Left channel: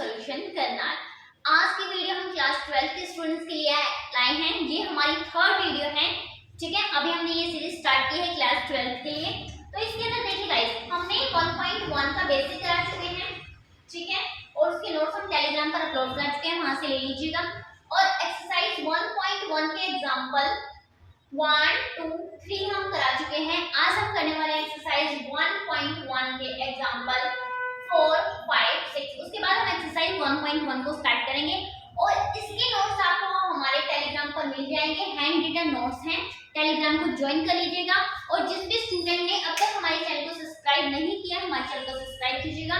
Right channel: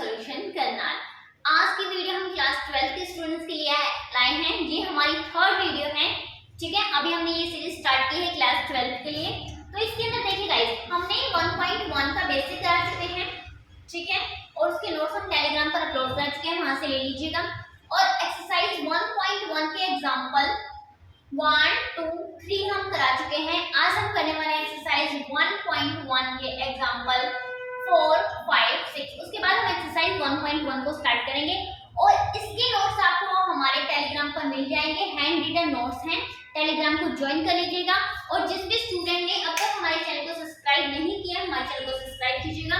Solution Karnal. आज की video हम क्लास 12 के स्टूडेंट्स के लिए लाए हैं। ये हमारी थर्ड वीडियो है, ठीक है। अभी हमने ये सीरीज स्टार्ट की है क्लास 12 के लिए। तो इसके अंदर देखिए गाइस, हमने 1.1 का बेसिक करा चुके हैं, ठीक है, और उसके नोट्स हम टेलीग्राम पर अपलोड कर चुके हैं, वहां से ले लीजिएगा। और एक्सरसाइज 1.1 के एग्जांपल 1, 2, 3 हम करा चुके हैं। आज हम करने वाले हैं एक्सरसाइज 1.1 के एग्जांपल 4, 5, 6। उसके बाद हम एक्सरसाइज 1.1 को स्टार्ट करेंगे और इसके नोट्स आपको हमारे टेलीग्राम पर मिल जाएंगे। हैंड रिटन नोट्स हैं, टेलीग्राम को ज्वाइन कर लीजिएगा। और जिस भी स्टूडेंट ने अब तक हमारे चैनल को सब्सक्राइब नहीं किया, हमारे चैनल को सब्सक्राइब कीजिएगा,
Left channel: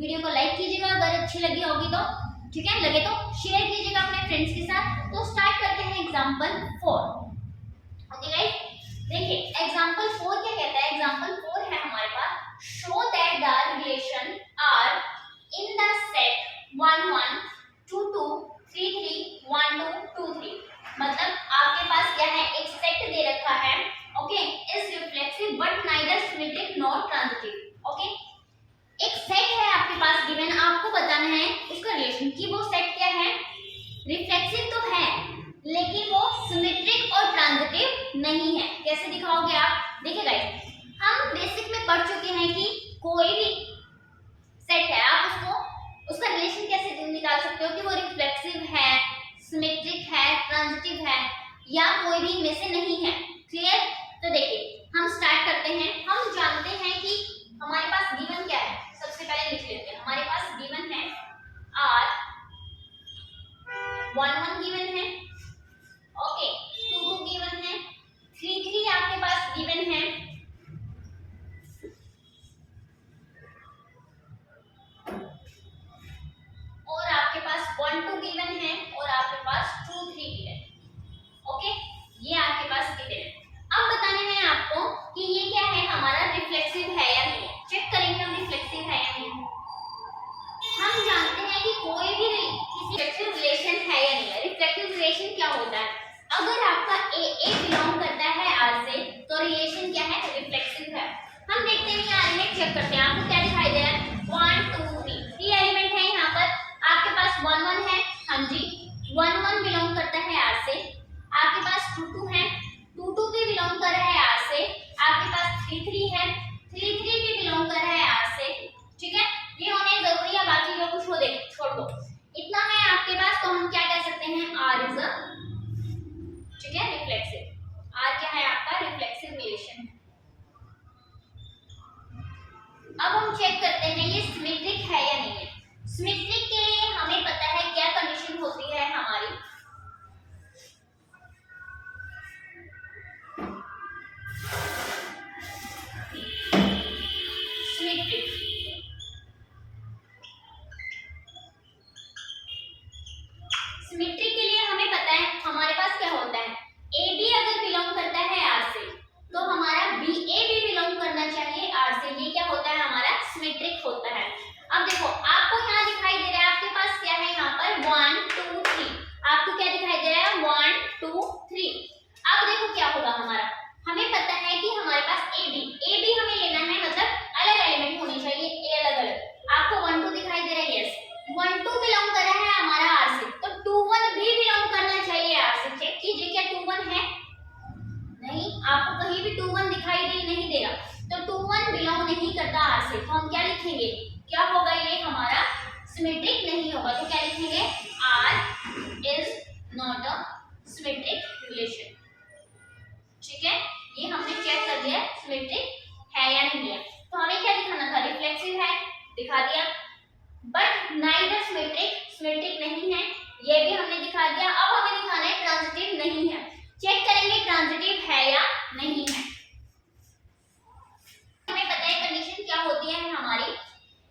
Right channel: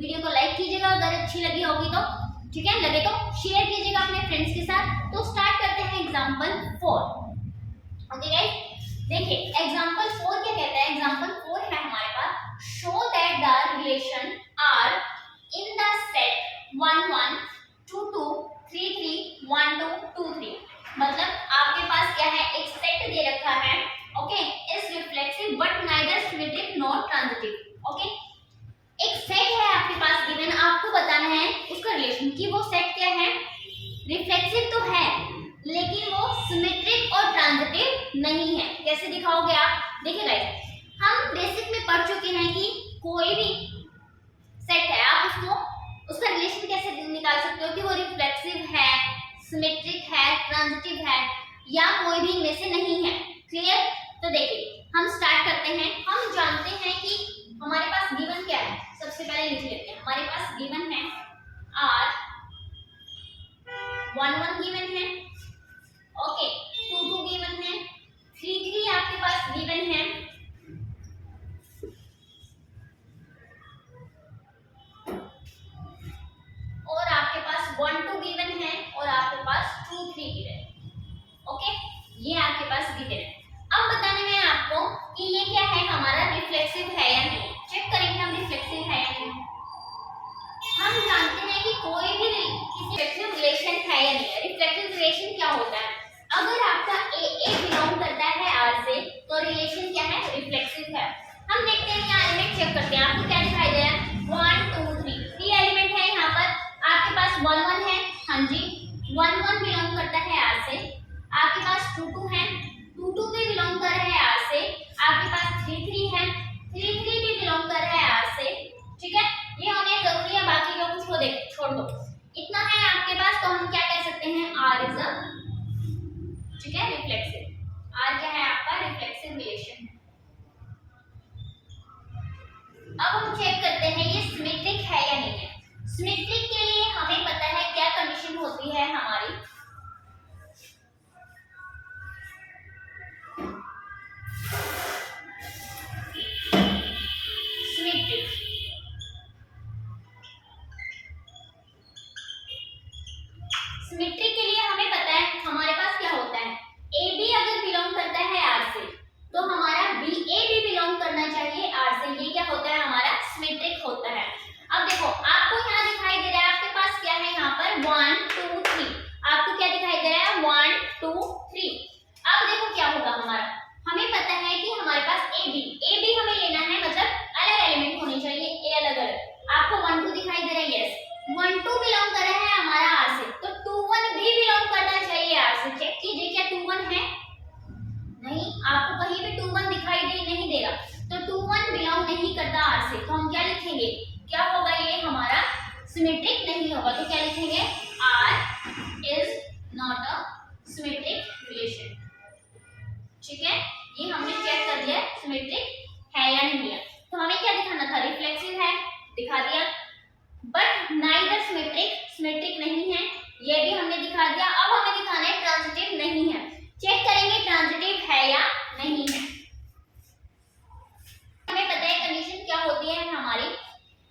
वीडियो को लाइक कीजिएगा अगर अच्छी लगी होगी तो, ठीक है, लगे तो शेयर कीजिएगा अपने फ्रेंड्स के साथ। तो स्टार्ट करते हैं एग्जांपल 4। ओके गाइस, देखिए एग्जांपल 4 क्या कहता है। एग्जांपल 4 है हमारे पास, show that the relation are in the set 1, 1, 2, 2, 3, 3, 1, 2, 2, 3। मतलब आपके पास क्या है, एक सेट दे रखा है, okay, is reflexive but neither symmetric not transitive. Okay, एक सेट है आपके पास गिवन, आपको बताना है उसका रिलेशन कि वो सेट क्या है, रिफ्लेक्सिव तो है लेकिन वो सिमेट्रिक और ट्रांजिटिव नहीं है। कैसे दिखाओगे आप? देखिए गाइस, हम बेसिक में पढ़ चुके हैं कि कोई भी सेट है, आप उसका रिलेशन कैसे निकाल सकते हो कि वो रिफ्लेक्सिव है, सिमेट्रिक है, ट्रांजिटिव है या कोई भी इनमें से नहीं है। क्लियर? तो देखिए हम स्टार्ट करते हैं। हम जानते हैं कि हमारे पास गिवन क्या है, सबसे पहले लिख लेते हैं। हमारे पास गिवन है R 1, 1 गिवन है, ओके, 2, 2 गिवन है, 3, 3 आपके पास गिवन है, और आपके पास 1, 2 गिवन है, और आपके पास 2, 3 गिवन है। ओके, ये आपके पास गिवन है। अब बताने में आपको कि ये क्या है, हमारा रिफ्लेक्सिव है या नहीं। चेक करेंगे हम रिफ्लेक्सिव है या नहीं। हम जानते हैं कि कोई भी किसी रिफ्लेक्सिव रिलेशन है या नहीं है। रिफ्लेक्सिव रिलेशन क्या होता है, अगर आपका ए बिलोंग करता है R से तो रिलेशन क्या है, रिफ्लेक्सिव है। हम देखते हैं यहाँ एलिमेंट चेक करते हैं। आपको क्या दिखाई दे रहा है, 1, 2, 3 एलिमेंट है यहाँ पर। आपके पास 1, 1 है, हाँ जी, 1, 1 बिलोंग करता है R से। आपके पास 2, 2 है, 2, 2 भी बिलोंग कर रहा है R से। आपके पास 3, 3 है, 3, 3 भी बिलोंग कर रहा है R से। ठीक है, ये होने जरूरी है, बाकी लोग कुछ छोड़ दो। इतना है आपके पास, तो हम क्या कह सकते हैं, R इज अ, ठीक है, रिफ्लेक्सिव। R क्या है आपका, रिफ्लेक्सिव रिलेशन है। अब हम चेक करते हैं ये सिमेट्रिक है या नहीं है। सिमेट्रिक के लिए हमें पता है क्या कंडीशन होती है हमारी, सिमेट्रिक। सिमेट्रिक के लिए हमें पता है हमारे पास क्या होता है, ए बी अगर बिलोंग करता है R से तो हमारा बी ए भी बिलोंग करना चाहिए R से। ये क्या होता है, हमारा सिमेट्रिक होता है। अब देखो आपको यहाँ दिखाई दे रहा है, आपके पास क्या है यहाँ पर 1, 2, 3। आपको क्या दिखाई दे रहा है, 1, 2, 3। अब देखो क्या होगा हमारा, हमें पता है कि हमारे पास ए बी हमें लेना है, मतलब अलग एलिमेंट होने चाहिए, ए अलग अलग। आपको 1, 2 दिखाई दे रहा है, यस, 1, 2 बिलोंग कर रहा है हमारा R से, तो 2, 1 भी बिलोंग करना चाहिए R से। चेक कीजिए क्या 2, 1 है, नहीं, आपको कहीं भी 2, 1 दिखाई नहीं दे रहा, तो 2, 1 बिलोंग नहीं करता R से। तो हम क्या लिखेंगे, क्या होगा, ये हमारा सिमेट्रिक नहीं होगा। तो क्या लिखेंगे, R is not a symmetric relation. ठीक है, ये हमने चेक कर दिया सिमेट्रिक है या नहीं है। तो हमें क्या दिखाना था, रिफ्लेक्सिव है, दिखा दिया, बट नाइदर सिमेट्रिक नहीं है, ये भी हमने दिखा दिया। अब हमें दिखाना है ट्रांजिटिव नहीं है। चेक करेंगे ट्रांजिटिव है या नहीं है। हमें पता है कंडीशन क्या होती है हमारी,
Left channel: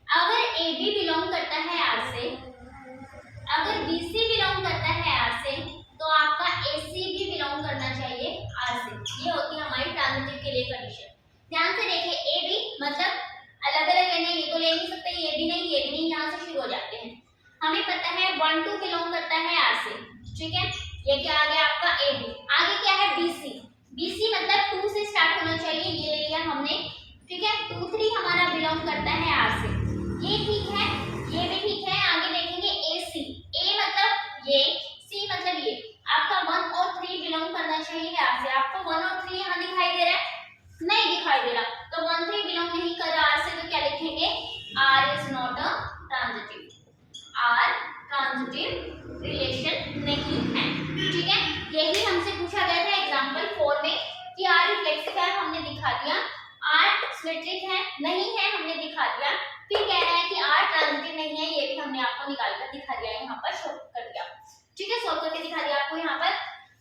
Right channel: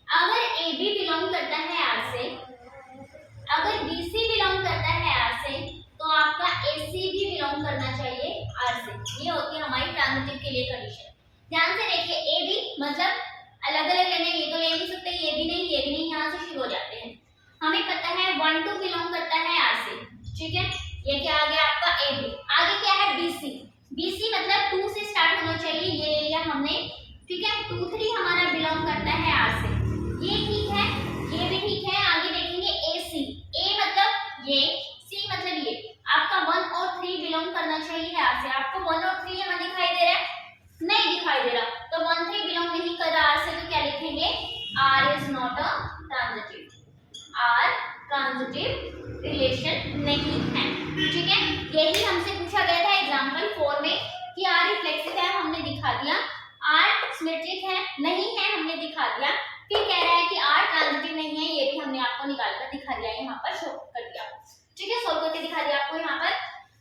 अगर ए बी बिलोंग करता है R से, अगर बी सी बिलोंग करता है R से, तो आपका ए सी भी बिलोंग करना चाहिए R से। ये होती है हमारी ट्रांजिटिव के लिए कंडीशन। ध्यान से देखिए, ए बी मतलब अलग अलग लेने, ये तो ले नहीं सकते, ये भी नहीं, ये भी नहीं, यहाँ से शुरू हो जाते हैं। हमें पता है 1, 2 बिलोंग करता है R से, ठीक है, ये क्या आ गया आपका ए बी। आगे क्या है, बी सी मतलब 2 से स्टार्ट होना चाहिए, ये ले लिया हमने, ठीक है। 2, 3 हमारा बिलोंग करता है R से, ये ठीक है, ये भी ठीक है। आगे देखेंगे लिखेंगे R is not a transitive, R transitive relation नहीं है। ठीक है, यही हमसे पूछा गया था एग्जांपल 4 में कि आर रिफ्लेक्सिव है, हमने दिखा दिया। आर सिमेट्रिक है, नहीं है, हमने दिखा दिया। फिर कह रहा है कि आर ट्रांजिटिव नहीं है, ये भी हमने आपको निकाल कर दिखा दिया, यहाँ पर शो कर दिया। ठीक है, सोल्व करके दिखा दिया आपको यहाँ पर।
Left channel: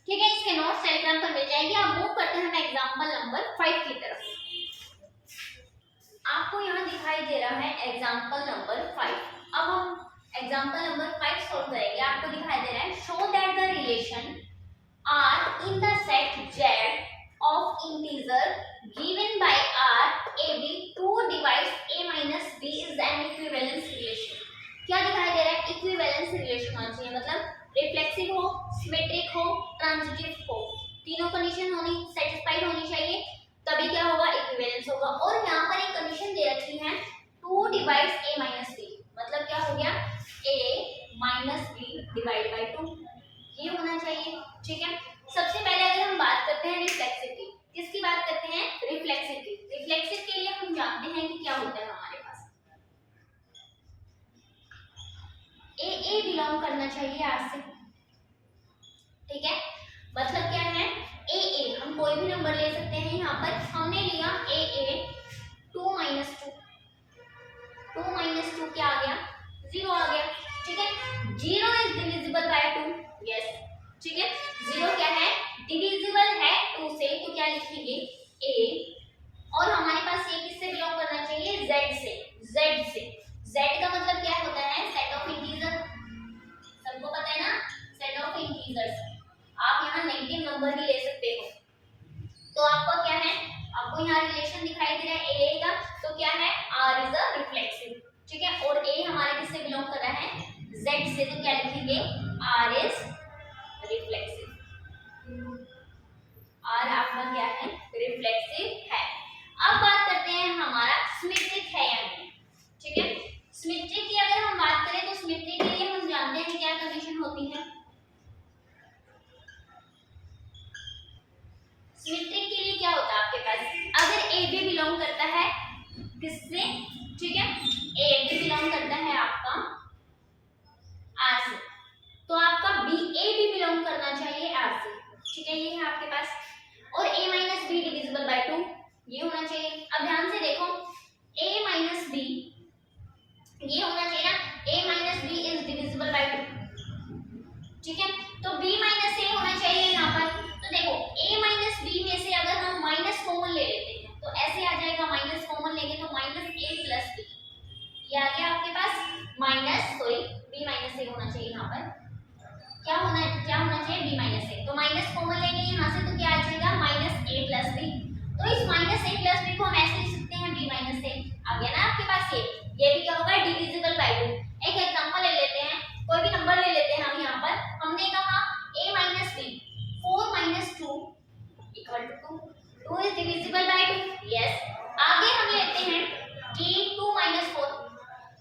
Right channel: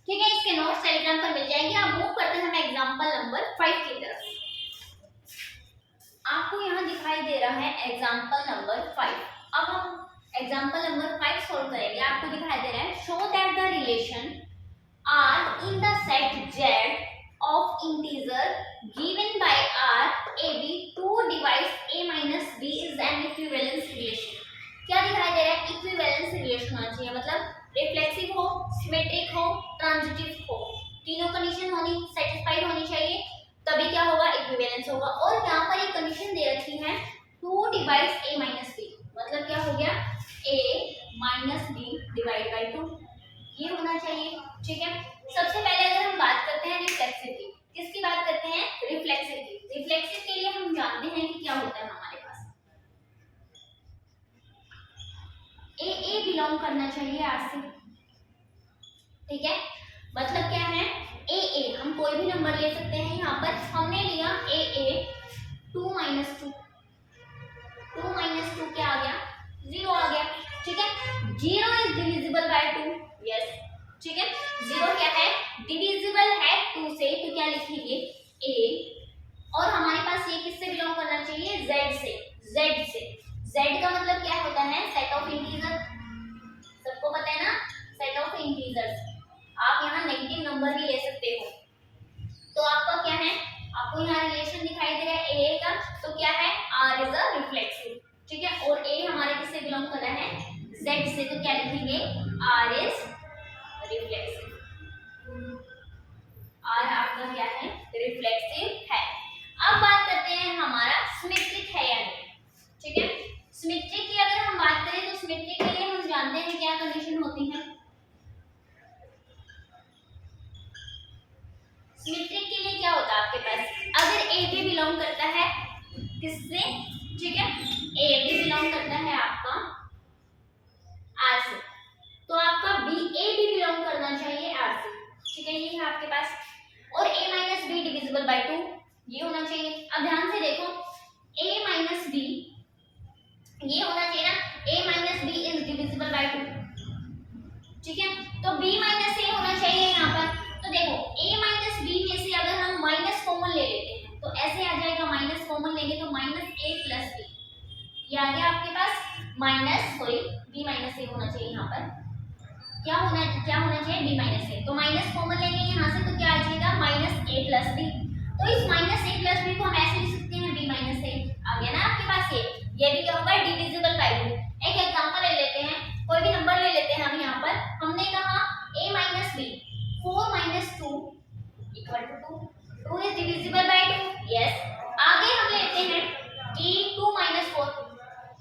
ठीक है, इसके नोट्स टेलीग्राम पर मिल जाएंगे। अब मूव करते हैं हम एग्जांपल नंबर 5 की तरफ। आपको यहाँ दिखाई दे रहा है एग्जांपल नंबर 5। अब हम एग्जांपल नंबर 5 सॉल्व करेंगे। आपको दिखाई दे रहा है show that the relation are in the set Z of integer given by R AB 2 divides A minus B is an equivalence relation। क्या दिखाई दे रहा है? इक्विवेलेंस रिलेशन होना चाहिए, मतलब रिफ्लेक्सिव हो, सिमेट्रिक हो, ट्रांजिटिव हो, तीनों कंडीशन होनी सेटिस्फाइड होनी चाहिए, तभी क्या होगा? इक्विवेलेंस होगा। और यहाँ पर एक कंडीशन दे रखी है 2 डिवाइड्स A minus B, मतलब क्या हो गया? A minus B divide by 2, ये होना चाहिए। ठीक है, सबसे पहले अगर हम बात करते हैं रिफ्लेक्सिव की, किसकी बात करते हैं? रिफ्लेक्सिव की। रिफ्लेक्सिव के लिए हम जानते हैं कि क्या होता है हमारे पास, ए बिलोंग करना चाहिए आर से। ठीक है, मतलब क्या है? ए हम कोई भी नंबर ले सकते हैं। यहाँ पर हमने लिया ए 2 minus 2, 2 minus 2 क्या आ गया? 0 आ गया। ठीक है, 0 इज डिविजिबल बाय 2, यस। ठीक है, 0 क्या है? डिविजिबल है 2 से, तो क्या लिखेंगे? a। और हमारे पास ये किससे बिलोंग करना चाहिए? z से। z का मतलब क्या होता है? सेट ऑफ इंटीजर, सबको पता है ना, सेट ऑफ इंटीजर्स। आप यहाँ नेगेटिव नंबर भी ले सकते हो। तो आपका क्या है? आपको यहाँ रिलेशन दिखाई दे रहा है a का, तो क्या है? r is a reflexive. ठीक है, और a हमारे किससे बिलोंग कर रहा है? z से, तो क्या लिखेंगे? r is reflexive. और आपका क्या है? रिफ्लेक्सिव है। अब बात करते हैं हमारा सिमेट्रिक है या नहीं। ठीक है, सिमेट्रिक की अगर हम बात करें तो सिमेट्रिक के लिए हम जानते हैं क्या कंडीशन होती है। सिमेट्रिक के लिए क्या होता है आपके पास? अगर ए बी बिलोंग करता है किससे? ठीक है, ए बी बिलोंग करता है आपका आर से, तो आपका ए भी बिलोंग करना चाहिए आर से। ठीक है, ये है आपके पास। और a minus b divisible by 2, ये होना चाहिए। अब ध्यान से देखो, a माइनस बी ये होना चाहिए ना, a minus b is divisible by 2। ठीक है, तो b माइनस a होना चाहिए यहाँ पर। तो देखो a माइनस बी में से अगर हम माइनस कॉमन ले लेते हैं तो ऐसे आ जाएगा, माइनस कॉमन लेंगे तो माइनस a प्लस b, ये आ गया आपके पास minus, sorry b minus a होना चाहिए यहाँ पर। क्या होना चाहिए? b minus a. तो माइनस कॉमन लेंगे यहाँ से, तो क्या आ जाएगा? Minus a plus b. तो इस माइनस a प्लस बी को हम ऐसे लिख सकते हैं b माइनस ए। आ गया ना आपके पास ये भी क्या होगा? Divisible by 2। एक एग्जांपल ले लेते हैं, कोई भी नंबर ले लेते हैं हम। यहाँ पर हमने कहा a minus b 4 minus 2 equal to 2, 2 is divisible by 2, yes. आगे हम लेते हैं कि 2 माइनस 4,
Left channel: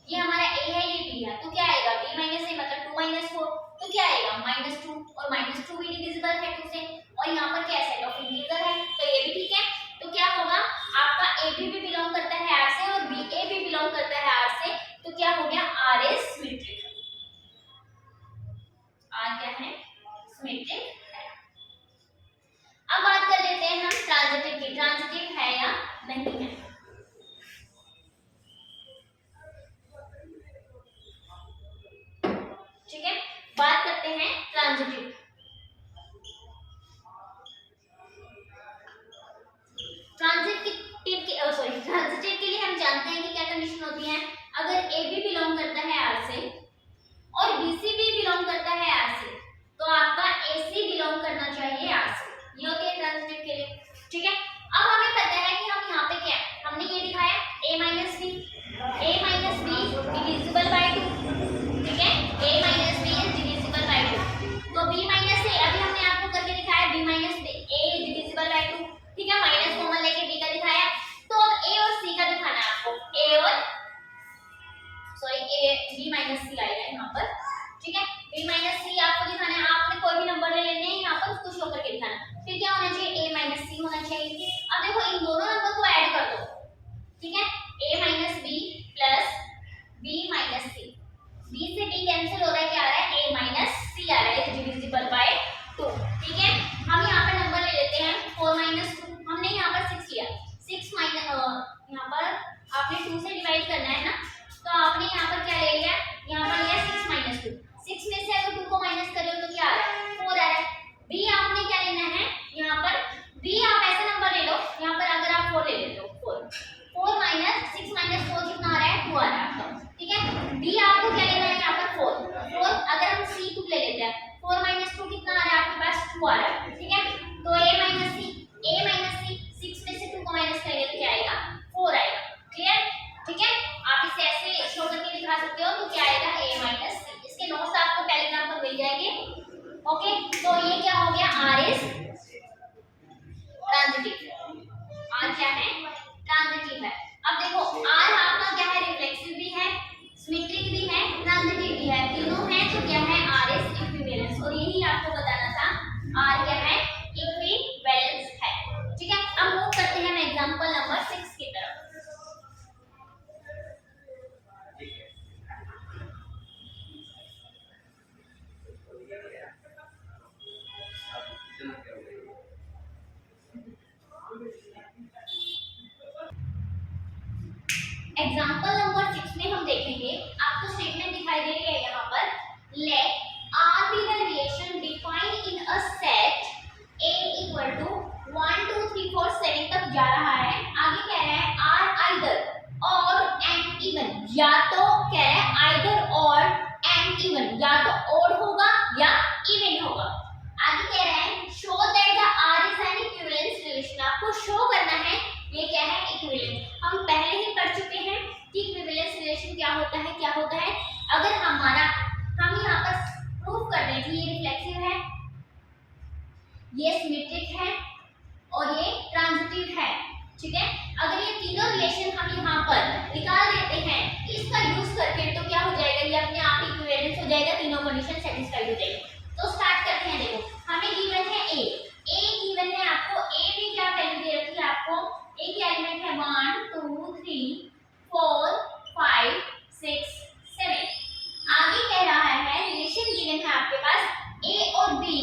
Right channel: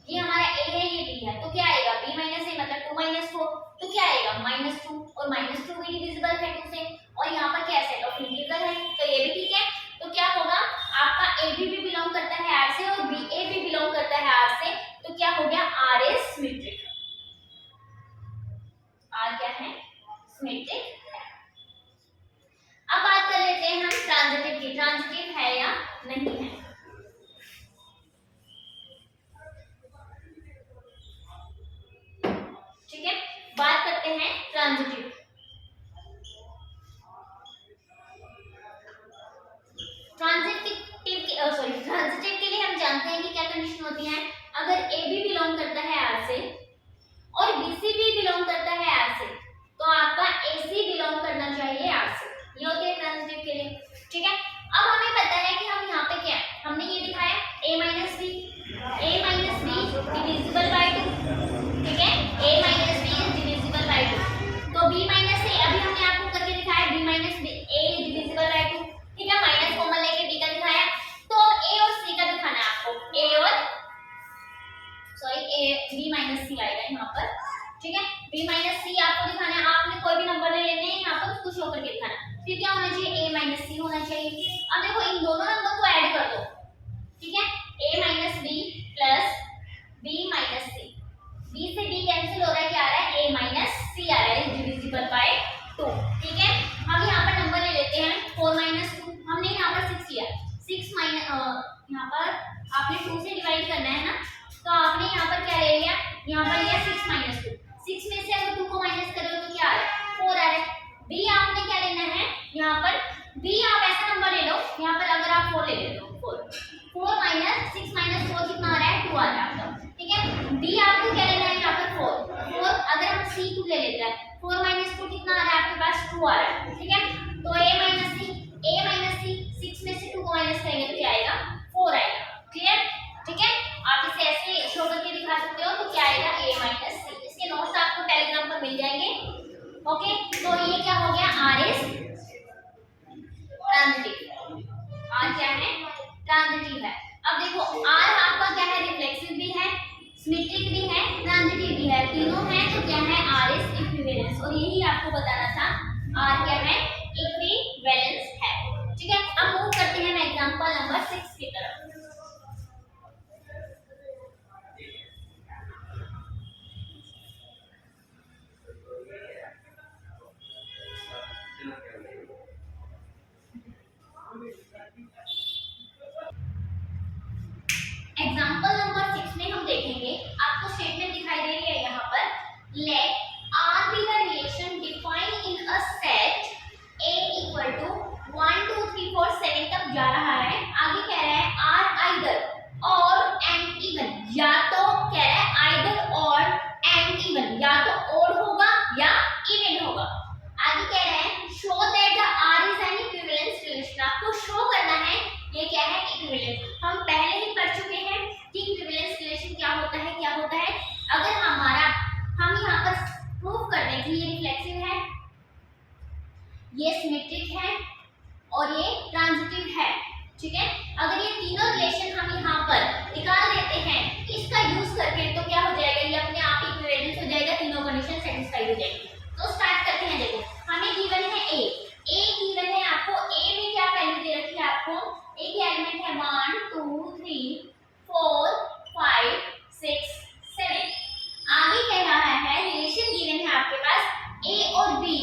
ये हमारा a है, ये b है, तो क्या आएगा? b माइनस ए मतलब 2 माइनस 4, तो क्या आएगा? -2, और -2 भी डिविजिबल है 2 से, और यहाँ पर क्या सेट ऑफ इंटीजर है, तो ये भी ठीक है। तो क्या होगा? आपका a भी बिलोंग करता है r से और a भी बिलोंग करता है r से, तो क्या हो गया? r is symmetric. r क्या है? सिमेट्रिक है। अब बात कर लेते हैं हम ट्रांजिटिव की, ट्रांजिटिव है या नहीं है। ठीक है, बात करते हैं ट्रांजिटिव। ट्रांजिटिव के लिए हम जानते हैं कि क्या कंडीशन होती है। अगर ए बी बिलोंग करता है आर से और बी सी भी बिलोंग करता है आर से, तो आपका ए सी बिलोंग करना चाहिए आर से, ये होती है ट्रांजिटिव के लिए। ठीक है, अब हमें पता है कि हम यहाँ पे क्या है, हमने ये दिखाया a minus b divisible by 2। ठीक है, a minus b is divisible by 2, तो b माइनस a अभी हमने आपको करके दिखाया b minus a divisible by 2। ठीक है, माइनस कॉमन लेके b का दिखाया, तो अब a और c का दिखाना है आपको, b माइनस c आएगा यहाँ पर। ठीक है, b माइनस c आपको दिखाना है, आपने कोई भी नंबर ले लेने हैं यहाँ पर, उसको शो करके दिखाना। फिर क्या होना चाहिए? a माइनस c होना चाहिए। अब देखो इन दोनों नंबर को ऐड कर दो। ठीक है, a माइनस b आपने 2 से डिवाइड करना है ना, तो आपने यहाँ पर क्या ले लिया, यहाँ पर लिया 6 माइनस 2। 6 में से अगर 2 को माइनस कर रहे हो तो क्या आ रहा है, 4 आ रहा है। बी आपने क्या लेना है, यहाँ पर बी आप ऐसा नंबर ले लो, यहाँ पर अगर आप 4 ले लेते हो, 4 माइनस 6 माइनस 4 कितना आ रहा है, 2 आ रहा है आपका, ठीक है। डी आपको क्या लेना है, यहाँ पर 4 अगर हम सी 2 ले लेते हैं, 4 माइनस 2 कितना आ रहा है आपके पास, 2 आ रहा है, ठीक है। तो ए माइनस सी 6 में से 2 को माइनस करेंगे तो क्या आएगा, 4 आएगा। क्लियर, ठीक है। आप इसे ऐसे शो करके दिखा सकते हो, तो क्या आएगा, a माइनस सी। इसके नोट्स आपको टेलीग्राम पर मिल जाएंगे। ओके, तो ये क्या हो गया, r इज ट्रांजिटिव। r क्या है, ट्रांजिटिव है। अब देखो r आपका क्या है, रिफ्लेक्सिव भी है, सिमेट्रिक भी है, ट्रांजिटिव भी है, तीनों है। तो क्या है, r इज इक्विवेलेंस, और यही आपको बताना था, r क्या है, इक्विवेलेंस है, ठीक है। अब मूव करते हैं एग्जांपल नंबर 6 की तरफ। एग्जाम्पल नंबर 6 में हम देखेंगे, आपको स्टेटमेंट दिखाई दे रही है यहाँ पर, late R be the relation defined in a set A equal to 1 2 3 4 7 तक जा रहा है। आगे कह रहा है R either or and even, या तो कह रहा है either or and even, या तो और होगा या इवन होगा। आगे कह रहा है show that the R is an equivalence relation, आपको शो करना है ये क्या है, इक्विवेलेंस। हम पहले ही पढ़ चुके हैं कि इक्विवेलेंस रिलेशन क्या होता है, क्या होता है। अगर हमारा हम यहाँ पर प्रूव कर दें कि ये रिफ्लेक्सिव है, ये सिमेट्रिक है और ये ट्रांजिटिव है, ठीक है। अगर ये तीनों रिलेशन हम यहाँ पर निकाल देते हैं इसका यूज करके, तो क्या हो जाएगा, ये अपने आप इक्विवेलेंस हो जाएगा, तीनों कंडीशन सेटिस्फाइड हो जाएगी। तो स्टार्ट करते हैं। देखो हमें गिवन है ए गिवन है आपको, ए में क्या वैल्यू दे रखी है आपको, ए के एलिमेंट है 1 2 3 4 5 6 7। आगे कह रहा है रिलेशन गिवन है आपके पास ए और b,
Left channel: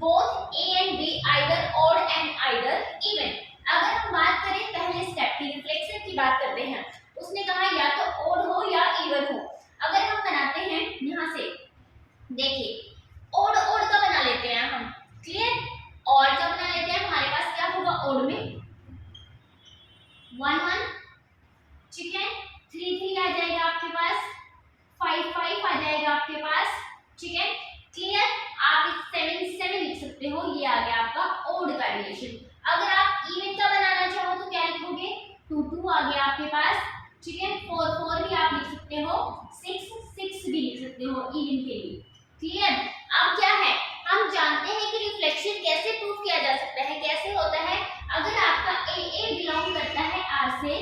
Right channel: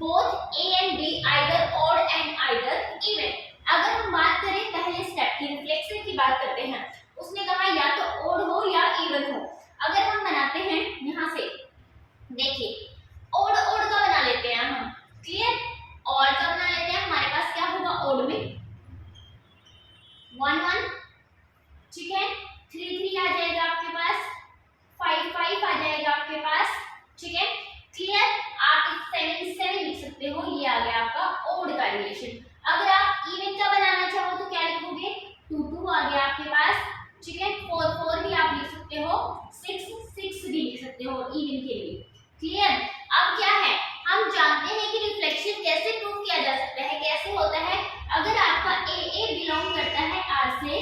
both a and b either odd and either even. अगर हम बात करें पहले स्टेप की, रिफ्लेक्सिव की बात करते हैं, उसने कहा या तो ऑड हो या इवन हो। अगर हम बनाते हैं यहाँ से, देखिए ऑड का बना लेते हैं हम, क्लियर, ऑड का बना लेते हैं। हमारे पास क्या होगा, ऑड में 1 1, ठीक है, 3 3 आ जाएगा आपके पास, 5 5 आ जाएगा आपके पास, ठीक है, क्लियर। आप 7 7 लिख सकते हो, ये आ गया आपका ऑड का रिलेशन। अगर आप इवन का बनाना चाहो तो क्या लिखोगे, 2 2 आ गया आपके पास, ठीक है, 4 4 भी आप लिख सकते हो, 6 6 भी लिख सकते हो इवन के लिए, क्लियर। अब क्या है, हम जानते हैं कि रिफ्लेक्शन कैसे प्रूव किया जा सकता है, कैसे होता है। अगर आपका ए बिलोंग करता है आर से,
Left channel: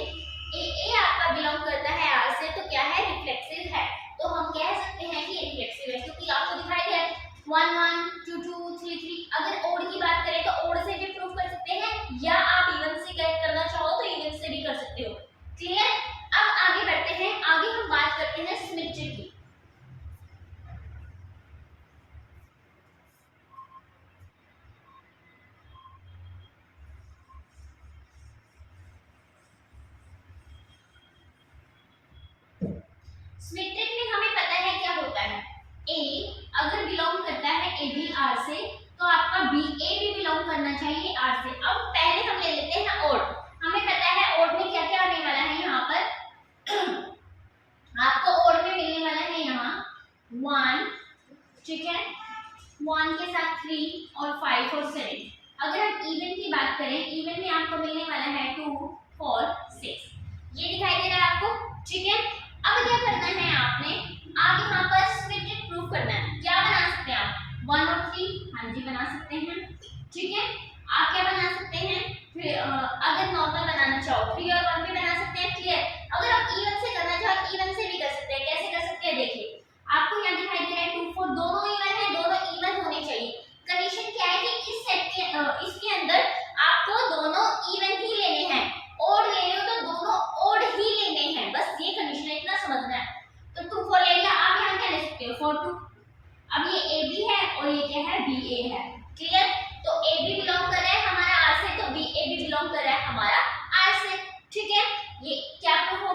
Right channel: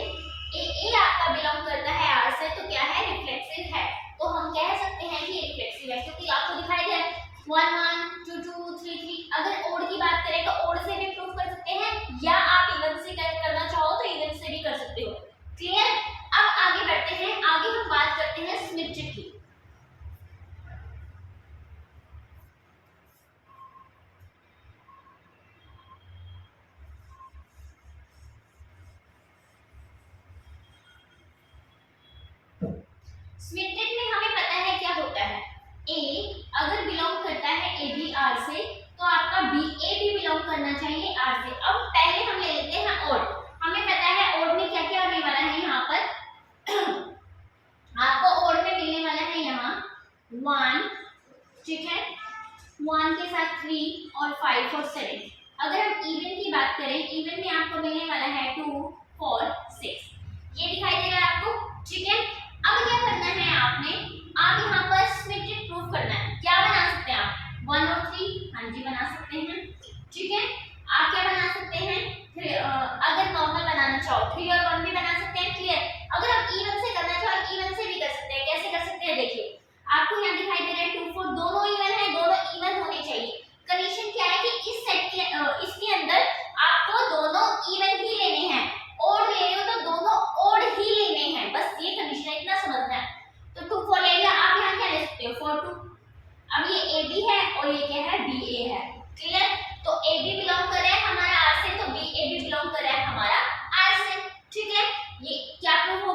ए आपका बिलोंग करता है आर से, तो क्या है, रिफ्लेक्सिव है। तो हम कह सकते हैं कि ये रिफ्लेक्सिव है, क्योंकि आपको दिखाई दे 1 1 2 2 3 3। अगर ओड की बात करें तो ओड से भी प्रूव कर सकते हैं, या आप इवन से करना चाहो तो इवन से भी कर सकते हो, क्लियर। अब आगे बढ़ते हैं, आगे हम बात करते हैं सिमेट्रिक की। सिमेट्रिक में हमें पता है क्या होता है, ए अगर बिलोंग करता है ए बी आर से, तो आपका बी ए भी बिलोंग करना चाहिए आर से। अब पहले हम ले लेते हैं ओड। हमें पता है ओड में क्या क्या आने वाला है, यहाँ पर आपको ओड में मिलने वाला है यहाँ 1, ठीक है, 1 के साथ 3 और 5 और 7। अगर हम इवन की बात करें, इवन में आपको मिलने वाला है 2 4 6, ये दिखाई दे रहा है आपको, ठीक है। अब क्या करना है आपने, आप यहाँ पर सिमेट्रिक प्रूफ करना है। क्या बना सकते हैं आप, 1 और 3, हाँ जी बना सकते हैं, ठीक है। आप क्या बना सकते हैं, फिर अगर नॉर्मल बनाना चाहो 3 और 1 भी बना सकते हैं, क्लियर। अगर आप इवन से करना चाहो इवन से भी कर सकते हैं। कैसे कर सकते हैं, देखिए आपको यहाँ दिखाई दे रहा है 2 4, दोनों इवन है, दोनों इवन होने चाहिए। कंडीशन क्या है कि इस सेट के इसके अंदर आपको दोनों इवन ही लेने हैं, ओड ले रहे हो तो दोनों ओड ही लेने हैं, बस ये कंडीशन है।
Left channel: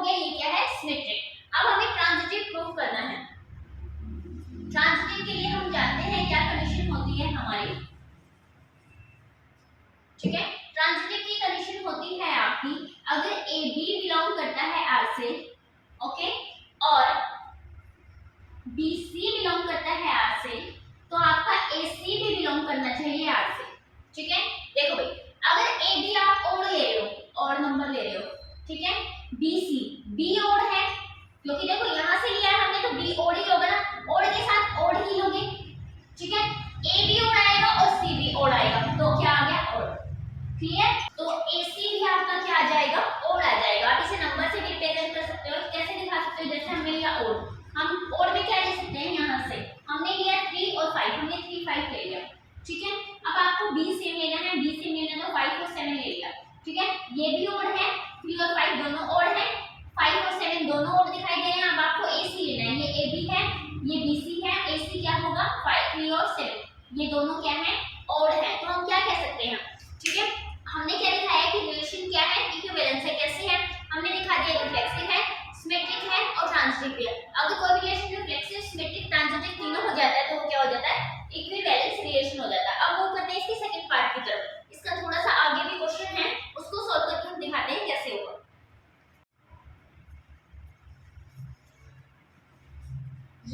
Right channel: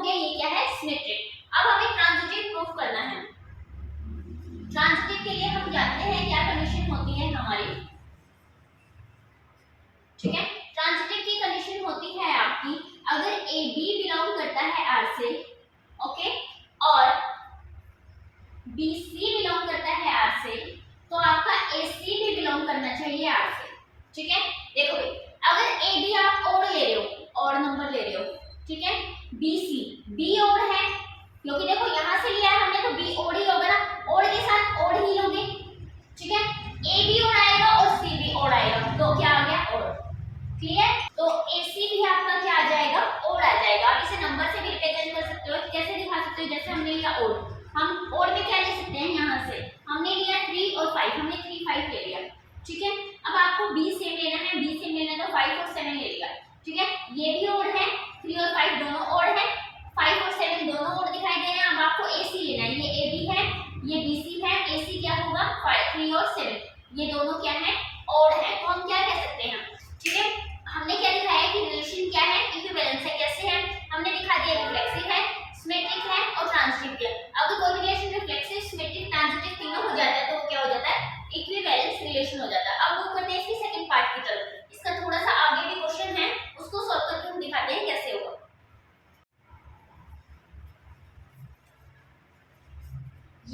गया, ये क्या है सिमेट्रिक। अब हमें ट्रांजिटिव प्रूफ करना है। ट्रांजिटिव के लिए हम जानते हैं क्या कंडीशन होती है हमारी, ठीक है। ट्रांजिटिव की कंडीशन होती है आपकी, अगर ए बी बिलोंग करता है आर से, ओके, और बी सी बिलोंग करता है आर से, तो आपका ए सी भी बिलोंग करना चाहिए आर से, ठीक है। देखो भाई, अगर ए बी आप ओड ले रहे हो, ओड नंबर ले रहे हो, ठीक है, बी सी बी ओड है, क्योंकि देखो यहां से लिया है हमने तो बी ओड ही होगा ना, ओड के साथ ओड ही लोगे, ठीक है। ए बी ओड आएगा और सी भी ओड आएगा, तो क्या आ गया ओड, क्लियर। तो ए सी भी आपका क्या आ जाएगा ओड आ जाएगा। आप इसे नंबर से भी रिप्रेजेंट कर सकते हो, कैसे दिखा सकते हो, जैसे हमने लिया ओड, हम ओड में क्या ले सकते हैं, यहाँ से हमने लिया 3 और 5, हमने 3 5 ले लिया, ठीक है। अब आपको बी सेम लेना है, बी सेम लेना है तो 5 और 7 ले लिया, ठीक है। ये भी ओड है, 3 और 5 दोनों ओड है, 5 और 7 दोनों ओड दिखाई दे रहे हैं। अब आपको ए सी लेना है, ये ए बी है, ये बी सी है, ए सी क्या होगा 3 और 7, ये दोनों क्या है ओड है। तो हम क्या कह सकते हैं, ठीक है, हमने क्या दिखाया कि रिलेशन क्या है, इक्विवेलेंस है। कैसे है, हमने दिखा दिया रिफ्लेक्सिव है, सिमेट्रिक है और ट्रांजिटिव है। अगर कोई भी रिलेशन रिफ्लेक्सिव, सिमेट्रिक, ट्रांजिटिव तीनों हो जाता है तो वो क्या हो जाता है, इक्विवेलेंस रिलेशन हो जाता है। अब वो करते हैं इसकी सेकंड पार्ट की तरफ। इसका थोड़ा सा आगे भी क्वेश्चन है, उसको सॉल्व करके हम दिखाते हैं कैसे होगा।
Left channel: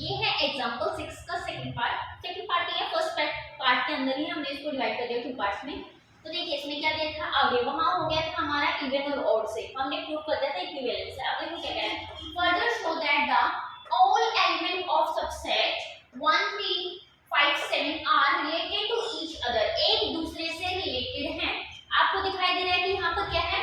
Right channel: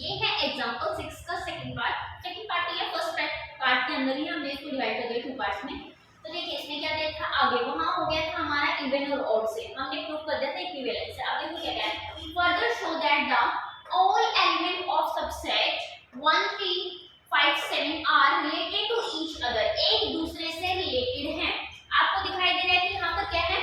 ये है एग्जांपल 6 का सेकंड पार्ट। सेकंड पार्ट है, फर्स्ट पार्ट के अंदर ही हमने इसको डिवाइड कर दिया 2 पार्ट्स में। तो देखिए इसमें क्या दिया था, आगे वहां हो गया था हमारा इवन और ऑड से, हमने प्रूव कर दिया था इक्विवेलेंस से। अब देखो क्या कह रहा है, further show that the all element of subset 1 3 5 7 are related to each other, एक दूसरे से रिलेटेड हैं। आपको दिखाई दे रहा है कि यहाँ पर क्या है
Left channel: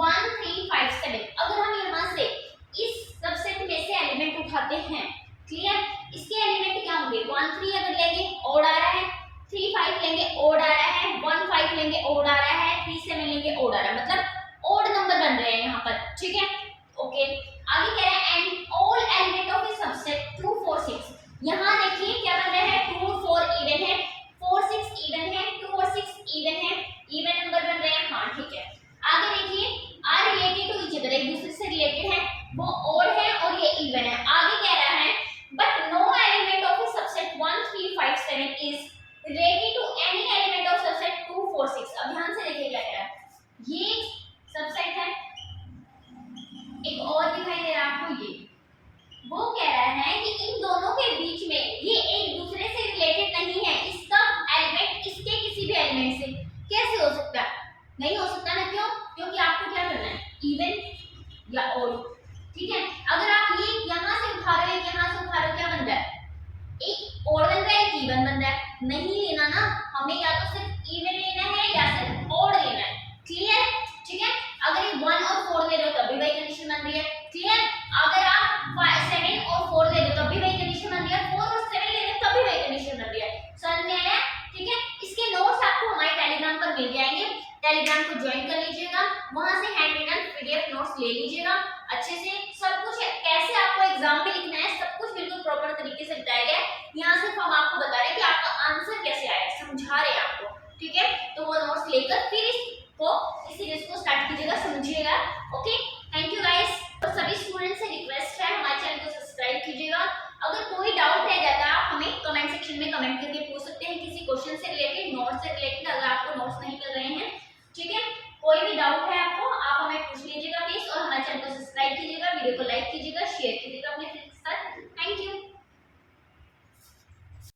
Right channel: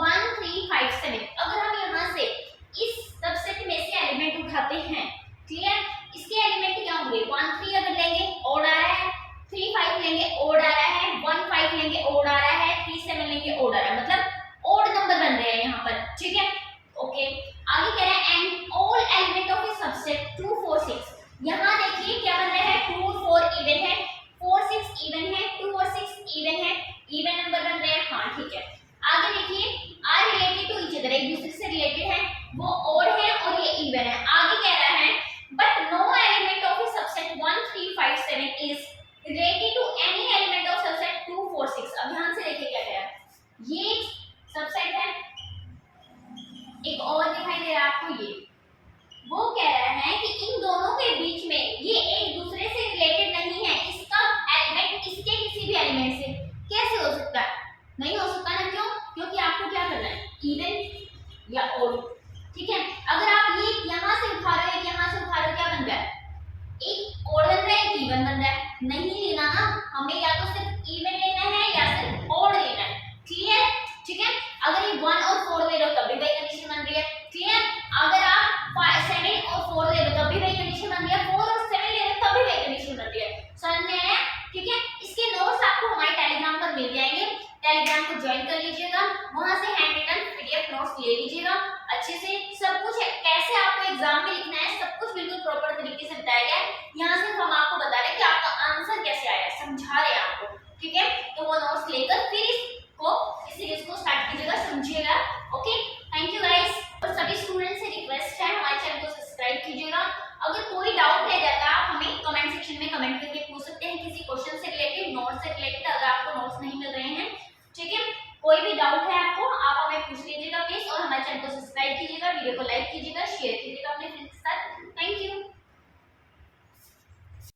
1 3 5 7। अगर हम यहाँ से इस सबसेट में से एलिमेंट उठाते हैं, क्लियर, इसके एलिमेंट क्या होंगे, 1 3 अगर लेंगे ओड आ रहा है, 3 5 लेंगे ओड आ रहा है, 1 5 लेंगे ओड आ रहा है, 3 7 लेंगे ओड आ रहा है, मतलब ओड नंबर बन रहे हैं यहाँ पर, ठीक है। ओके, आगे कह रहा है and all element of a subset 2 4 6। यहाँ देखिए क्या बन रहा है, 2 और 4 इवन है, 4 6 इवन है, 2 और 6 इवन है, इवन नंबर बन रहे हैं, हाँ ठीक है। आगे देखिए R related to each other, एक दूसरे से रिलेटेड है, वो ओड है और ये इवन है। आगे कह रहा है but no element of a subset 1 3 5 7 is related to any element of subset 2 4 6। अब ध्यान से देखिए क्या कह रहा है, ये सबसेट है, एक और दिखाई दे रहा है आपको, ये वो कह रहा है कि इन दोनों के बीच में ये एक दूसरे से रिलेटेड नहीं है, इसका एलिमेंट इसके किसी भी एलिमेंट से कैसे हो सकता है, नहीं हो सकता ना, क्यों, क्योंकि आपको क्या करना है इवन या ओड, ठीक है। अगर आप ये यहाँ से उठा रहे हो, यहाँ से उठा रहे हो, क्या बन रहा है, एक ओड बन रहा है, एक इवन बन रहा है, नहीं लेना ना, हमें या तो सिर्फ इवन लेना है या सिर्फ ओड लेना है, क्लियर, ठीक है। अगर ये 1 और 4 ले रहे हो तब भी वही कंडीशन बन रही है, क्लियर। अगर आप 7 और 4 ले रहे हो तब भी वही कंडीशन बन रही है, 4 और 7 ले रहे हो तब भी वही कंडीशन बन रही है, समझ में आया, ठीक है। इसके नोट्स आपको हमारे टेलीग्राम पर मिल जाएंगे, टेलीग्राम को ज्वाइन कर लीजिएगा, वहां से हैंड रिटन पीडीएफ नोट्स ले लीजिएगा अच्छे से, सब कुछ कैसे आपको एग्जाम में लिखना है सब कुछ बिल्कुल प्रॉपर तरीके से बताया गया है। यहाँ सिर्फ हम आपको बता रहे हैं कि आपका आंसर कैसे आया, समझा रहे हैं आपको, ठीक है। तो वो नोट्स लेकर फिर इस सीरीज को स्टार्ट कीजिएगा, समझिएगा, ओके। Thank you guys. और सभी स्टूडेंट्स से रिक्वेस्ट है हमारे चैनल को सब्सक्राइब कीजिएगा। अगर कोई डाउट रह जाता है आप हमें कमेंट सेक्शन में कमेंट करके पूछ सकते हैं, किसी क्वेश्चन से रिलेटेड, नोट्स से रिलेटेड, अगर आपको नोट्स नहीं मिल रहे हैं, ठीक है, कोई भी डाउट है आपको आप हमें पूछ लीजिएगा प्लीज। और हमारे चैनल को सब्सक्राइब कीजिएगा, वीडियो को लाइक कीजिएगा, शेयर कीजिएगा अपने